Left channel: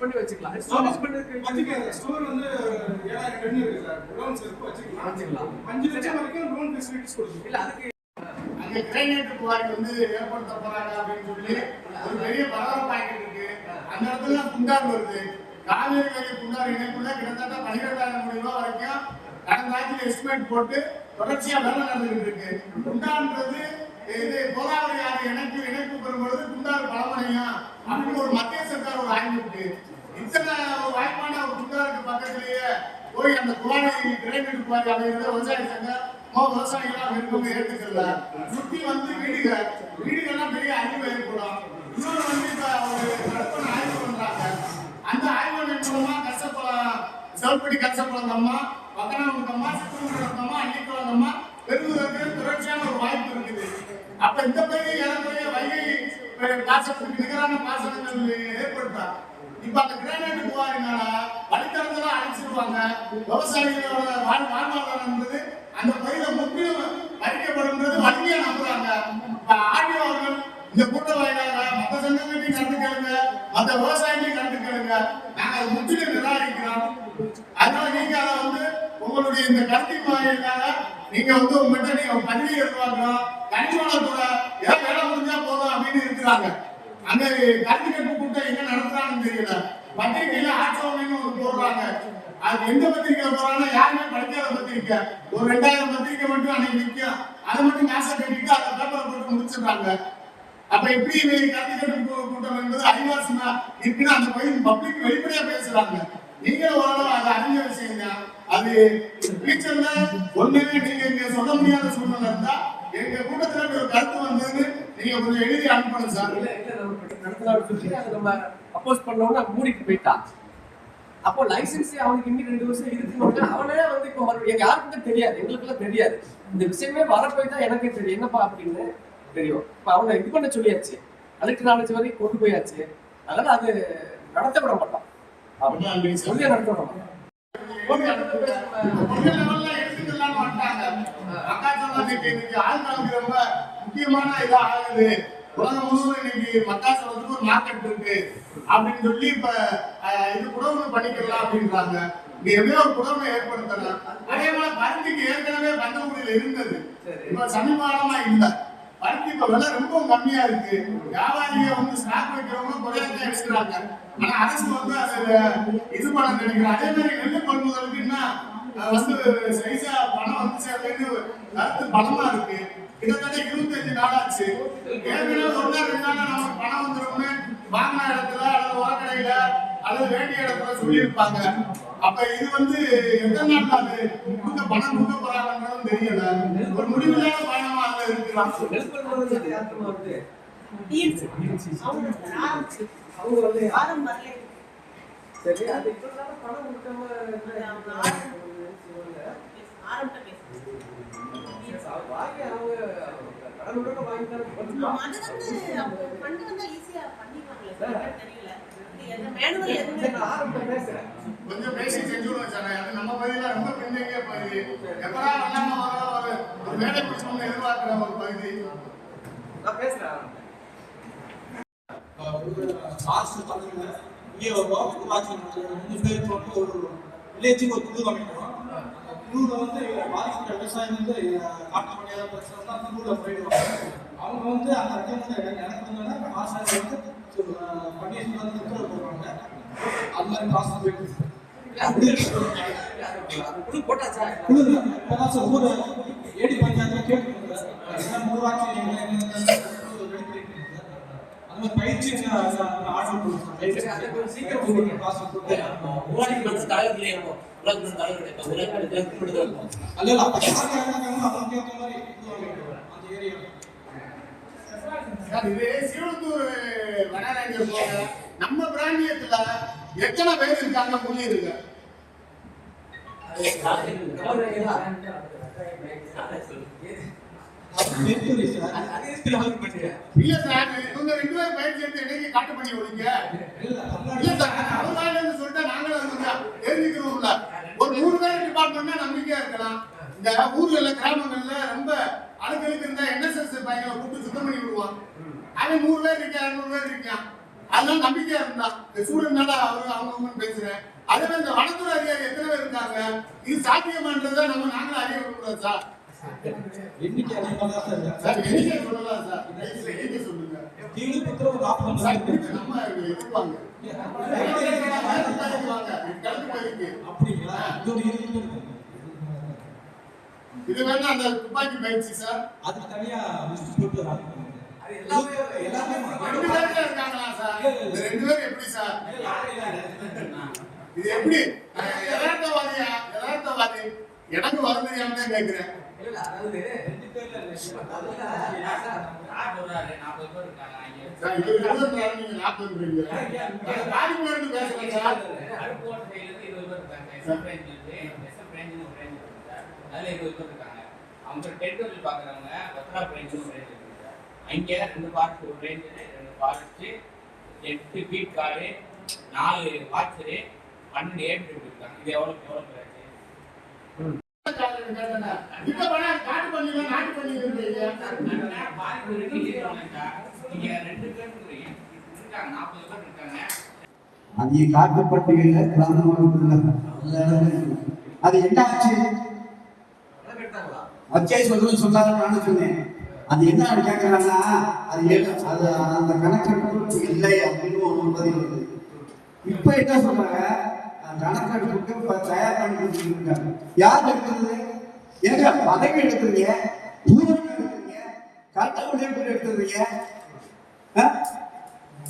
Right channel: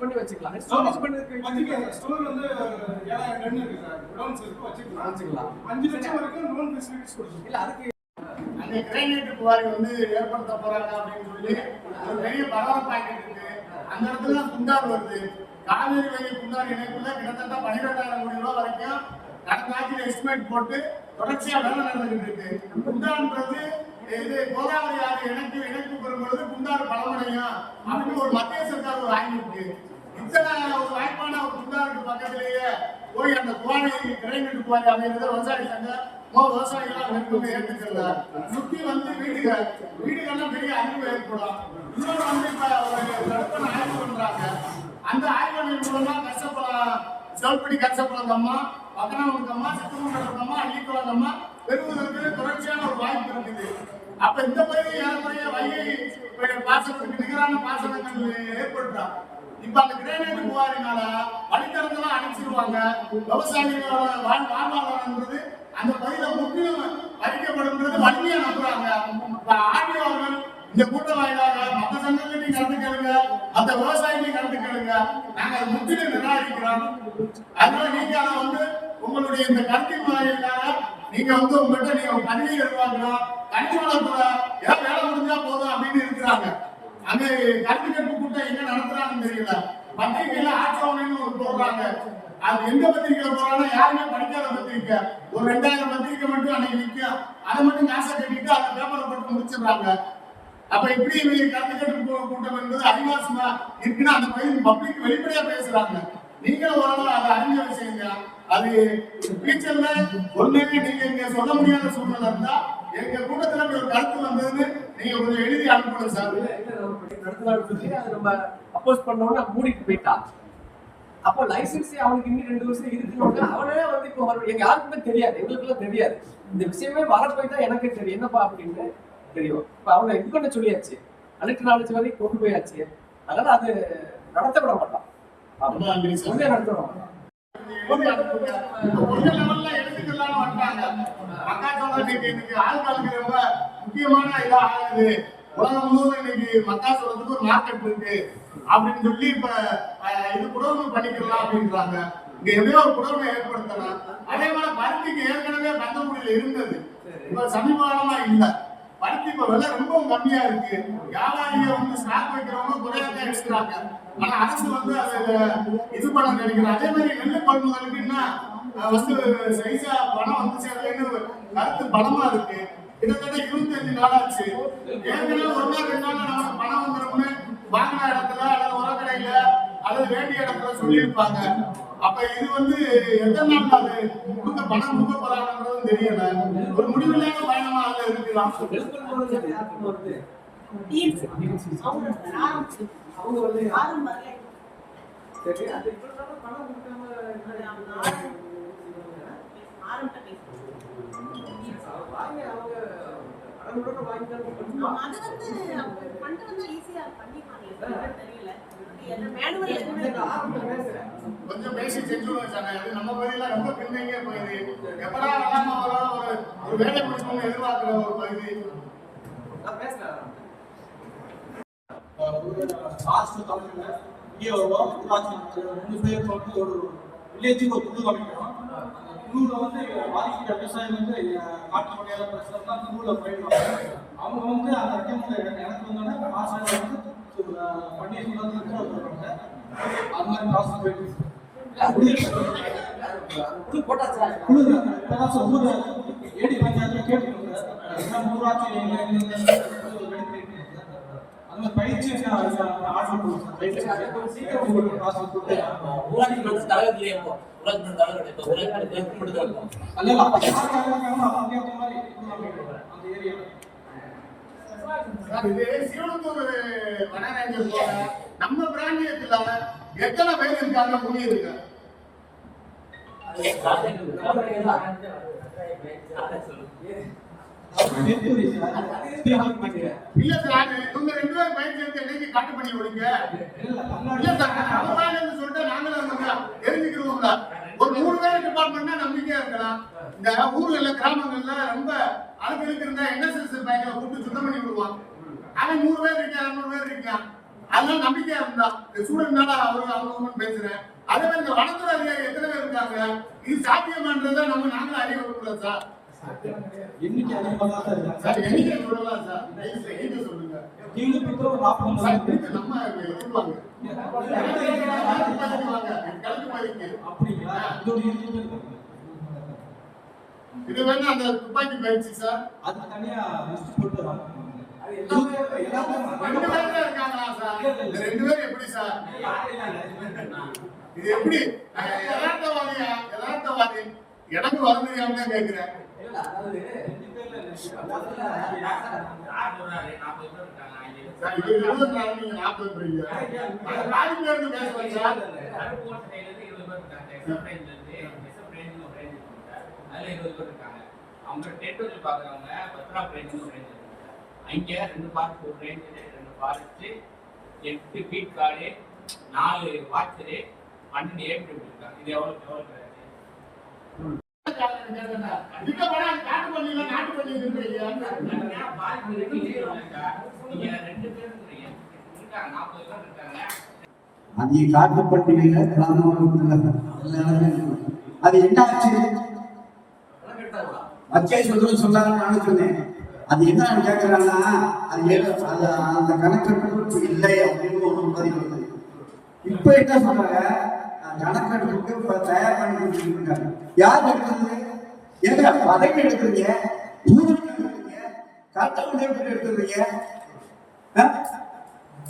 பண்ணி வச்சுக்கலாம். ஸ்டோரேஜ் பண்றதுக்கு வச்சுக்கலாம். ஸ்டோர் வந்து 7000 டன் இருக்கு சார். குடோன்ஸ் இருக்கு வச்சுக்கலாம். 5 லட்சம் வரைக்கும் லோன் ஃபெசிலிட்டிஸ் கொடுக்கும். இல்ல அதுக்கு அங்க கிரைனேட் குவாரி வந்து ஏற்படுத்த போறாங்க அப்படின்னு சொல்லி ஒரு பெரிய பரபரப்பாகிட்டு இருக்கு. அந்த இடத்துல குண்டார் வருது. காவேரி வேலி குண்டார் இணைப்புல கிட்டத்தட்ட 12,000 கோடி ரூபாய் வரைக்கும் கடந்த ஆட்சியில் எஸ்டிமேட் போட்டு தொடர்ச்சியா வேலை நடந்துகிட்டு இருக்கு. குண்டான்றது இது கோதாவரி ஆறு இணைப்பு பெறும்பொழுது குண்டார் பலமடையும் அப்படின்னு ஒரு மத்திய சர்க்கார் ஒரு ஆய்வு இருக்கு. இத்தனை ஒரு வாய்ப்பான ஒரு குண்டாருக்கு பக்கத்திலேயே போய் அந்த குவாரி கிரைனேட் குவாரி அப்படிங்கிறத விவசாய சங்கம் விவசாயிகளாம் மேற்கொண்டு ஏற்றுக்கல. சுத்தி வந்து வீடுகள்லாம் பெரிய அழிவு ஏற்படும். இன்னொன்று வந்து இப்ப ஒரு தடுப்பணை ஆய்வு பண்றாங்க. அந்த ஆய்வுகளின் மூலமா செல்படி கசப்பழங்கம்மா, பதனாமுகம்மா, சித்திரமுகம்மா, அள்ளிக்குளங்கம்மா பெறுவதற்கு தொடர்ச்சியான ஒரு வாய்ப்பு இருக்குது. அப்ப இந்த பகுதி ஏறக்குறைய வைகை பாசனத்துக்கு நிகரான பாசனங்கள் ஏற்படுத்தாங்க. இப்ப அந்த கிரைனேட் குவாரினால வழித்தடங்கள்லாம் அழிச்சிருவாங்க. விவசாயிகளோட வாழ்வாதாரம்ன்றது அந்த பகுதியில முற்றிலும் அழிக்கப்படும்ன்றது வலிமையா நம்புறாங்க. ஆர்டிஓ அவர்கள் இந்த கூட்ட வாயிலாக மற்ற சங்கங்களையும் கலந்து கேளுங்க, மற்ற விவசாயிகளையும் கலந்து கேளுங்க. நாங்க அதை முற்றிலும் நிராகரிக்கிறோம். அதனால நீங்க அதை வந்து உங்களுடைய இந்த கருத்தின் வாயிலாக நீங்க வந்து உங்கள்கிட்ட நீங்க பதிவு எடுப்பாங்களா கணினி வளர்ப்புற ஏதாவது வேலை முடிஞ்சா போதும் அப்படின்னு இருக்கிறாங்க. அங்க கருத்து கேட்பு கூட்டம் எங்க நடத்துறாங்கன்னு தெரியல. பத்திரிகையில ஆட்சோன்னு ஒரு போடுறாங்க. அது எந்த பத்திரிக்கை போறாங்கன்னா யாருமே படிக்காத பத்திரிக்கை. ஒரு 2000 பத்திரிக்கை மட்டும் அன்னைக்கு நிற்கும். அதை மட்டும் நாச கட்டிட்டு அந்த பேப்பரை போட்டு முடிச்சிடுறாங்க. அப்ப எப்படி கருத்து கேட்பு கூட்டம் என்பது அதிகாசமா இருக்குன்னு அந்த பகுதி பப்ளிக் வெளிப்படையா பேசுறாங்க. நீங்க ஓரளவு அதை அறிஞ்ச விஷயங்க. அது ஃபியூச்சர்ல ஒண்ணுமே நீங்க இங்க சொல்ல முடியாத சூழ்நிலை இருந்தா எங்க கூட்டத்துல ஒரு கருத்து வந்ததுன்னு நீங்க கொஞ்சம் எழுதி அனுப்பணும் சார். நடத்தலாம்னு சொல்லி அதை நம்ம அப்போஸ் பண்ணோம்னு மூடிட்டு போயிட்டான். அப்போ லைசன்ஸ் அவனுக்கு இன்னும் 2 வருஷம் இருக்குன்னு அவனே வந்து இப்போ எங்க யாருக்குமே தெரியாது, எங்களுக்குலாம் தெரியாது. இந்த விஷயமே வரப்போய் தான் எனக்கே தெரியும் என்னப்பா அப்படின்னு தெரியும். இப்போ அவனை இது பண்ண சொல்லியாச்சு, கலெக்டர் நாலேஜ் வரைக்கும் கொண்டு போயாச்சு. அதனால அது நடத்த விட மாட்டான், உறுதியா நடத்த விட மாட்டான். முக்கியமான இதா ஆகுது. உலகம் முழுவதும் இன்னைக்கு மக்காசோளத்துக்கு ஒரு மார்க்கெட் இருக்கு அப்படின்னு சொல்லி இப்ப இது குடவுமை பண்ணிக்கலாம் அப்படின்றாங்க. இங்க எவ்வளவு ஒரு குடவுமை ஏற்படுத்தலாம். அதே போல பருத்திக்கு ஏற்கனவே கண்டுபிடியில இருந்தது, இப்ப சமீபமா இல்ல. பருத்தி இப்ப விலை ரொம்ப கம்மியா இருக்கு. வியாபாரிக வந்து ஸ்டாக் வைக்கிறவங்க குறையதான் எடுக்கிறாங்க. ஆனா அரசு வந்து அது இது பண்ண நினைக்கிறாங்க. அதே மாதிரி நெல் கொள்முதலுக்கு என்ன வந்து சைஸா பணம் வந்து சேர்ந்து கருத்து பலமா இருக்கு. கிட்டத்தட்ட 25 நாள் ஆச்சு. ஏற்கனவே ஒரு நாள் 2 நாள் நமக்கு பணம் வந்துரும்னு வாங்கின இடத்துல அல்லது உரக்கடையில அல்லது வேண்டிய இடத்துல சொல்லியிருப்பாங்க. அப்ப இது வந்து எத்தனை நாள் அது பணம் கொடுக்க போறாங்கன்றதும் தெரியல. ஒரு முடிவில்லாத பயணமா அதுல இருக்கிறான். கொஞ்சம் பேசி செஞ்சுடுவோம் சார். அது நம்ம பகுதியில ரொம்ப பின்னணியே பகுதி. எப்படா ஒரு வேலை கொடுக்கணும்னு எதிர்பார்க்கிற ஒரு பகுதி. ஒரு வில்லேஜுக்கு ஒரு குழு அமைக்கிறோம். குழுல வந்து பாதிக்கப்பட்ட விவசாயம் வந்து காட்டு முடியாத பிரச்சனை தான் குழுல போயிடுவாங்க. அவங்க வந்து அந்த ரெக்கமெண்ட் எனக்கு வந்தோன்னா மாசம் வந்து பண்டிகை வந்து வருவாங்க. அது மாதிரி ப்ராசஸ் போயிட்டு இருக்கு. குழு இப்பதான் ஊர் ஏடி பஞ்சாயத்துல கேட்டு ஊராட்சி அந்த பயிற்சி ஆர்டர் சீக்கிரம் ப்ராசஸ் கொடுத்து நம்ம பிராந்தியத்துல எத்தனை பேர் இருக்காங்க புரியுதுங்க? இல்ல சார், இவங்க 2 பேரும் பயிர் சேர்த்து என்னைக்கு காட்டு பண்ணி விடுங்க. இல்ல சார், அவரால் சொல்லிட்டு நாங்களும் தெரிஞ்சுக்கிறோம்ல. ஒரு 100 பேர் டிபார்ட்மெண்ட்னா நம்பிக்கையா இருக்கலாம். இந்த ஊர்கள்ல கிராமங்கள்ல ரொம்ப அழுக்கு இருந்தா NSS பையனை கூப்பிட்டு சுத்தம் பண்ணி விடுவான். அவன் 100 பேர் இருக்கான், 200 பேர் இருக்கான். அதனால நம்பிக்கையா இருந்தா இந்த ஸ்டூடெண்ட் அவங்க பேசுறேன். அதே மாதிரி இந்த வனத்துறை அதிகாரி எத்தனை பேர் இருக்காங்க, இது சாத்தியமான்றதை நாங்களும் அறிய விடக்கூடாது சார். எண்ணிக்கை அதிகமாக தான் சார் இருக்கு. சார் எண்ணிக்கை சொல்லலாம் சார், எண்ணிக்கை சொல்லுங்க. ஈடுபட்டு 40 நம்ம எதிர்வாங்க கலந்து போயிருக்கு. அப்படிங்களா? இது வேணா அந்த துப்பாக்கி பயிற்சி சார், அது தனியா லிஸ்ட் போட்டு வாங்க. ரெண்டு பேர் இருக்காங்களா சார்? இந்த ரெண்டு பேரும் எப்படி சார்? இது எப்படி யதார்த்தவாதி எனக்கு வர தெரியாம தான் கேட்கிறேன். சார் இது 24 நீங்க 40ன்றீங்க. காலிங்ல பேசுறேன் சார். அதுல 20 பேர் இருக்காங்க. அவங்க டெரிட்டரி பாக்குறவங்க பத்ரா ரேஞ்சுன்னு ஒரு ரேஞ்ச் இருக்கு சார். அங்கே 2 ஃபாரஸ்ட் ஒரு range, 2 forest, 8 beat guard, 4 watcher, 12 ஏபி இருக்காங்க. இது எவ்வளவு கிடையாது? இந்த படம் காட்டு பண்ணில நாட்டு பண்ணி இருக்கீங்க. நீங்க 2 பேர் இருக்கீங்க. இருக்காங்க 40 பேர் இருக்காங்க. அது காட்டுப்பட்டியல அது என்ன ஆச்சு? அச்சாய் சொல்லணும்னு சொன்னாலும் நானும் சொன்னேன். அது என்ன கேட்கறாங்கன்னா அது அந்த கணக்கெடுப்பு இல்லை அப்படின்னு ஒரு பதில் வருது. இப்ப என்ன சொல்றாங்க, கணக்கெடுப்புக்கு தயார் பண்ணி கொடுத்துருக்காங்க. யார் எடுக்கிறது? ஏங்க பதவி எடுக்கிறீங்க, ஊருக்கு எடுக்கிறீங்க, கட்ட உழைப்பு எடுத்துறீங்க,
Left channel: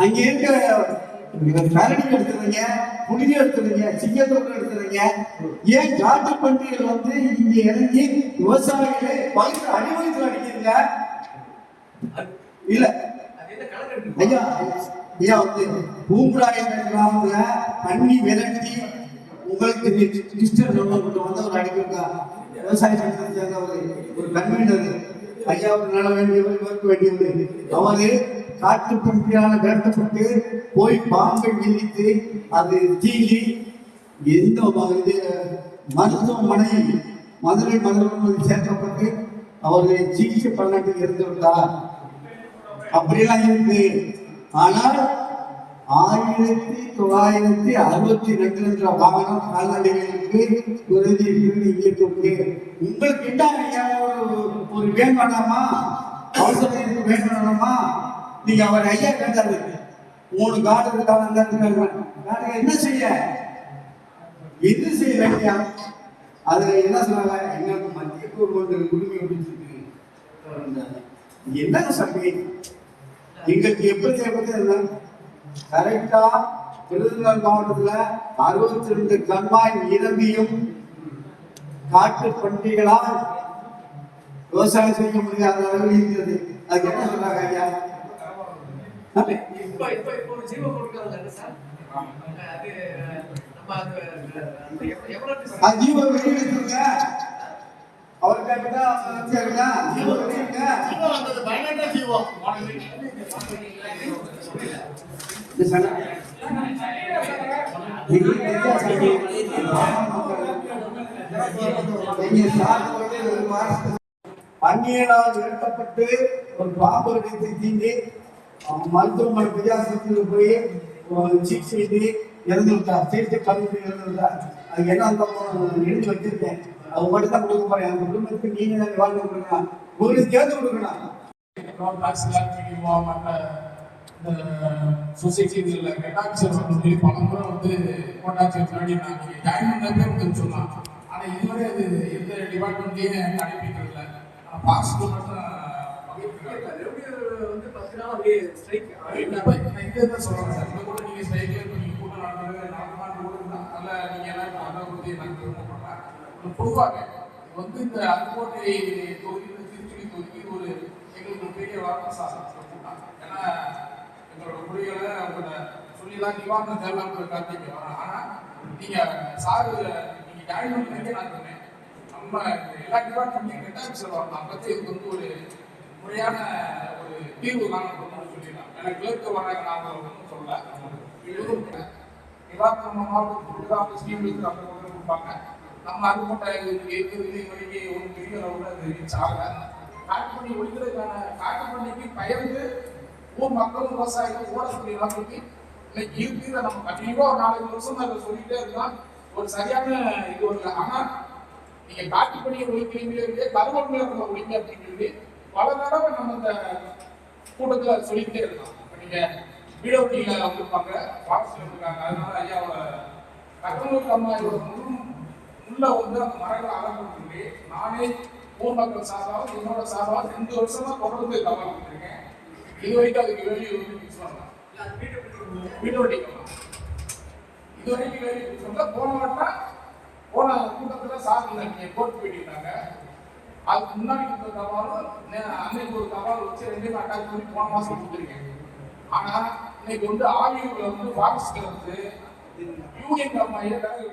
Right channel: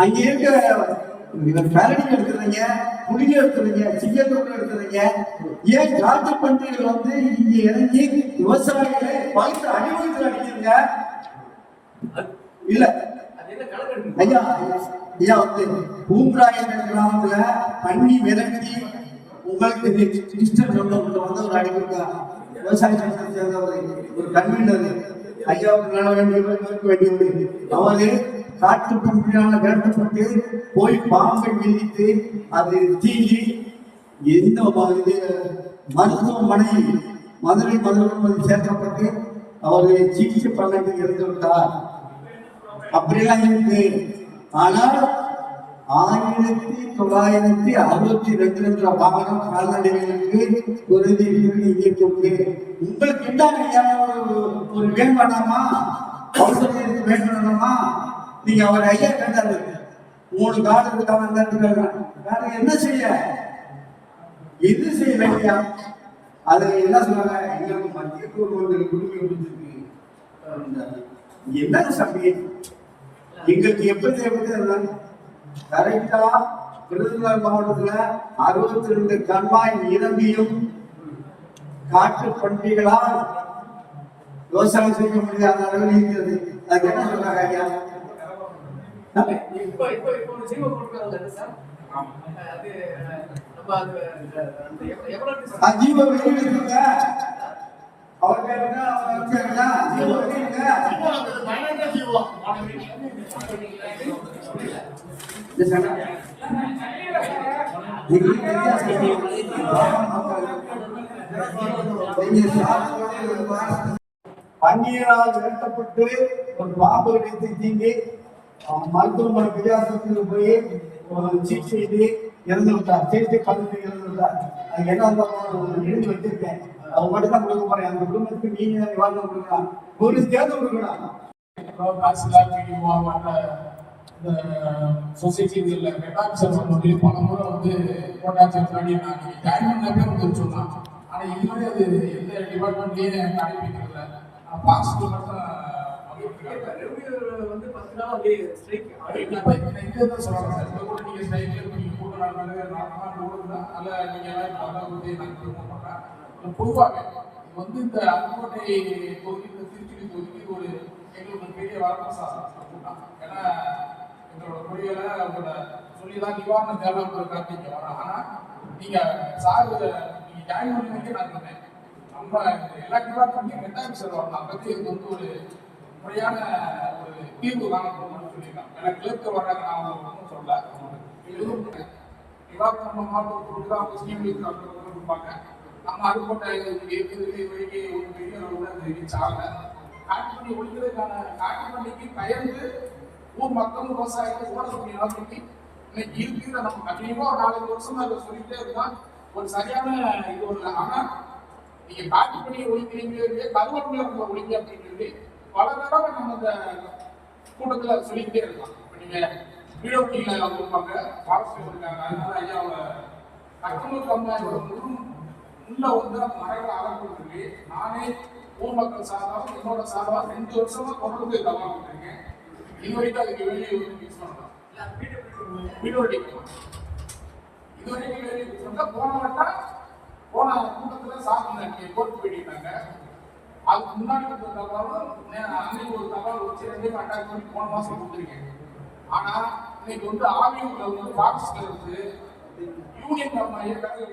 அங்க இருக்கிற கரடி எடுத்துறீங்க, புளி எடுத்துறீங்க, சிங்கத்தோடு எடுத்துறீங்க. ஏன் காட்டு பன்றிகள் வந்து இங்க இறங்கி விவசாயிகளை பயிர் அடிவகுத்தில் அடிக்கிறீங்க? இல்ல ஐயா ஐயா வந்து பூம்பராய கிராமத்துல பண்ணி விரட்டி உங்களுக்கு ரிஜிஸ்டர் வந்து ஒரு அடிக்கிறா விவசாய சட்டத்தை சேர்ந்த ஒரு கன்வீனர் ஐயாவுக்கு நட வேண்டியது. அவரு காட்டு பன்றியால் விரட்டப்பட்டு போய் பாம்பை மிதித்து அது தீங்கி எந்த மருத்துவமனை மதுரை சேர்க்கப்பட்டு அவர்களை சிகிச்சை பண்ணி இருந்து விட்டார். அப்படியெல்லாம் இருக்கு. ஆனால் 1962 என்ற வாகனம் கால்நடைகளுக்கு உறுதி இங்கே இருக்கு. உங்களுக்கு என்ன ஒரு வேண்டாமா? அவசரத்துக்கு வேண்டாமா? நீங்க அவர் ஐயா கேட்டாரு 3 காடு இருக்காங்க, என்ன செய்ய எது செய்யலையா? அது என்ன சொல்றாங்க, எங்களுக்கு மத்திய குடும்பங்கள் குடும்பம் பிடிச்சிருக்கு. என்ன சபை எங்களுக்கு எப்படி கரெக்டா விருதுநகர் மாவட்டத்துல 62 கண்மாய் நிரம்பியும் காட்டு பன்றிகளால் விவசாயம் செய்ய முடியாத அளவில் இருக்கிறது. அதுக்கு என்ன சொல்றாங்க ஐயா? ஜீவ வெளியிடுங்க. அவர் கேட்டா பன்னீரால் விரட்டப்பட்டு ஒரு பாம்பு அடித்து தீண்டி மருத்துவமனை வித்தியாசத்தில் போய் சிகிச்சை செய்து இறந்து விட்டார். சிகிச்சை பண்ணிட்டு இறந்து விட்டார். அது என்ன எழுதி வச்சிருக்கேன். அவங்க மட்டும் தான் கொடுக்க போறேன். அந்த குடும்பத்துக்கு நீங்க வாழ்க்கை கொடுக்கலாம், போலீஸ் சேர்ந்து கொடுக்கணும். சொசைட்டில மெட்டாக்சர் வந்து பல முறை வந்து கோட்டாட்சி முன்னாடி நான் ஜாயின் பண்ணப்பே சொன்னான். ஆனால் இதுவரை அது எந்த டிபார்ட்மெண்ட்லேயும் எனக்கு அனுப்பிக்கிறதில்ல. ஆனால் பாஸ்க்கு மட்டும் வந்து 10 நாள் அப்படியே ஸ்ட்ரைக் இதே தான் சொல்லுவாங்க சார். இந்த கூட நீங்கள் ஸ்ட்ரைக்கில் நீங்கள் கூட நடந்தாண்டு கூட இருந்தால் அதில் நீங்கள் எல்லாம் நல்லா கொடுத்து நான் திரும்ப பண்ணேன். பொதுவாக வந்து இந்த அருக்கோட்டை தொகுதியில் திருச்சி தொகுதிக்கு ஒரு எங்களுக்கு ஒரு பெரிய வரப்பிரசாதம். ஏன்னா எங்களோட மொழிகளை உங்களோட சொல்லிதான் நிவாரணம் தேவையான கார்த்திகை வரோம். ஆனால் நீங்கள் சார் நீங்கள் ஜாயின் பண்ணுறதுக்கே நான் சொன்னேன், நம்ம எல்லா டிபார்ட்மெண்ட்டையும் மெட்டாக்சர் வரலாம். அதை பற்றி இது வந்து ஒரு முறையான ஒரு தீர்வு காணப்படணும்னு சொல்லிடலாம். எனக்கு கிளர்க்கு வராங்க நான் ஒன்றும் சொல்ல. இதுவும் நிவாரணம் மாவட்டத்துக்கு தான் அவங்க ஸ்கீம் அந்த கொடுப்பாங்க. நம்ம அருக்கோட்டை இருக்கிறது வரைக்கும் ஒரு பெரிய அளவில் அது ரீச் ஆகலை. காட்டுப்பண்ணி ஒழிக்கிறதுக்கான காட்டுப்பண்ணிக்கு பயந்து ஊர் மக்கள் விவசாயிகள் ஓடக்கூடிய நிலைமைக்கு இன்னைக்கு இருக்கு. இதை நம்ம கண்டிப்பா ஒரு 4 வருஷமா அதை சொல்லிட்டே இருந்தால் ஒரு சரியான இது ஒரு. ஆனா நீங்க காட்டு பணியை ஒழிக்கிறீங்களே கருவூர்ல ஒழிக்க அப்படின்னு சொல்லி பல தடவை நம்ம இந்த கூட்டத்துல சொல்லிக்கிட்டே இருக்கலாம். நீங்க வீடியோட்டியில வந்திருப்பாங்க, பாரஸ்ட்ல இருக்காங்க. அதனால ஐயாவோட தக்கனூர் கம்மாயோட உள்ள வந்து அந்த மரங்களை ஆரம்பிச்சு சொல்லி நானே ஊர் மக்கள் சார்பாக என்னோட சார்பாக 2 வருஷமா தொடர்ந்து கவனம் பண்ணிருக்கேன். இது வரைக்கும் அதுக்கு வெளியே வந்து பிக்ஸ் பண்ணலாம். வீடியோட்டி இது வரைக்கும் வெளியே பிக்ஸ் பண்ணல. போன கூட்டத்துல சார் நீங்க கோர்ட்டு போயிட்டாங்க. அதுக்கு முன்னாடி கொடுத்த தகவலும் அன்னைக்கு ஒரு தகவல் வச்சு 2 அட்டாக் பண்ணி போன மாசம் கொடுத்துருக்கேன். ஆனா இன்னைக்கு வந்து ஆவியூர்ல வந்து பாரஸ்ட்ல வந்து யூனியன் கம்மாயை வேலை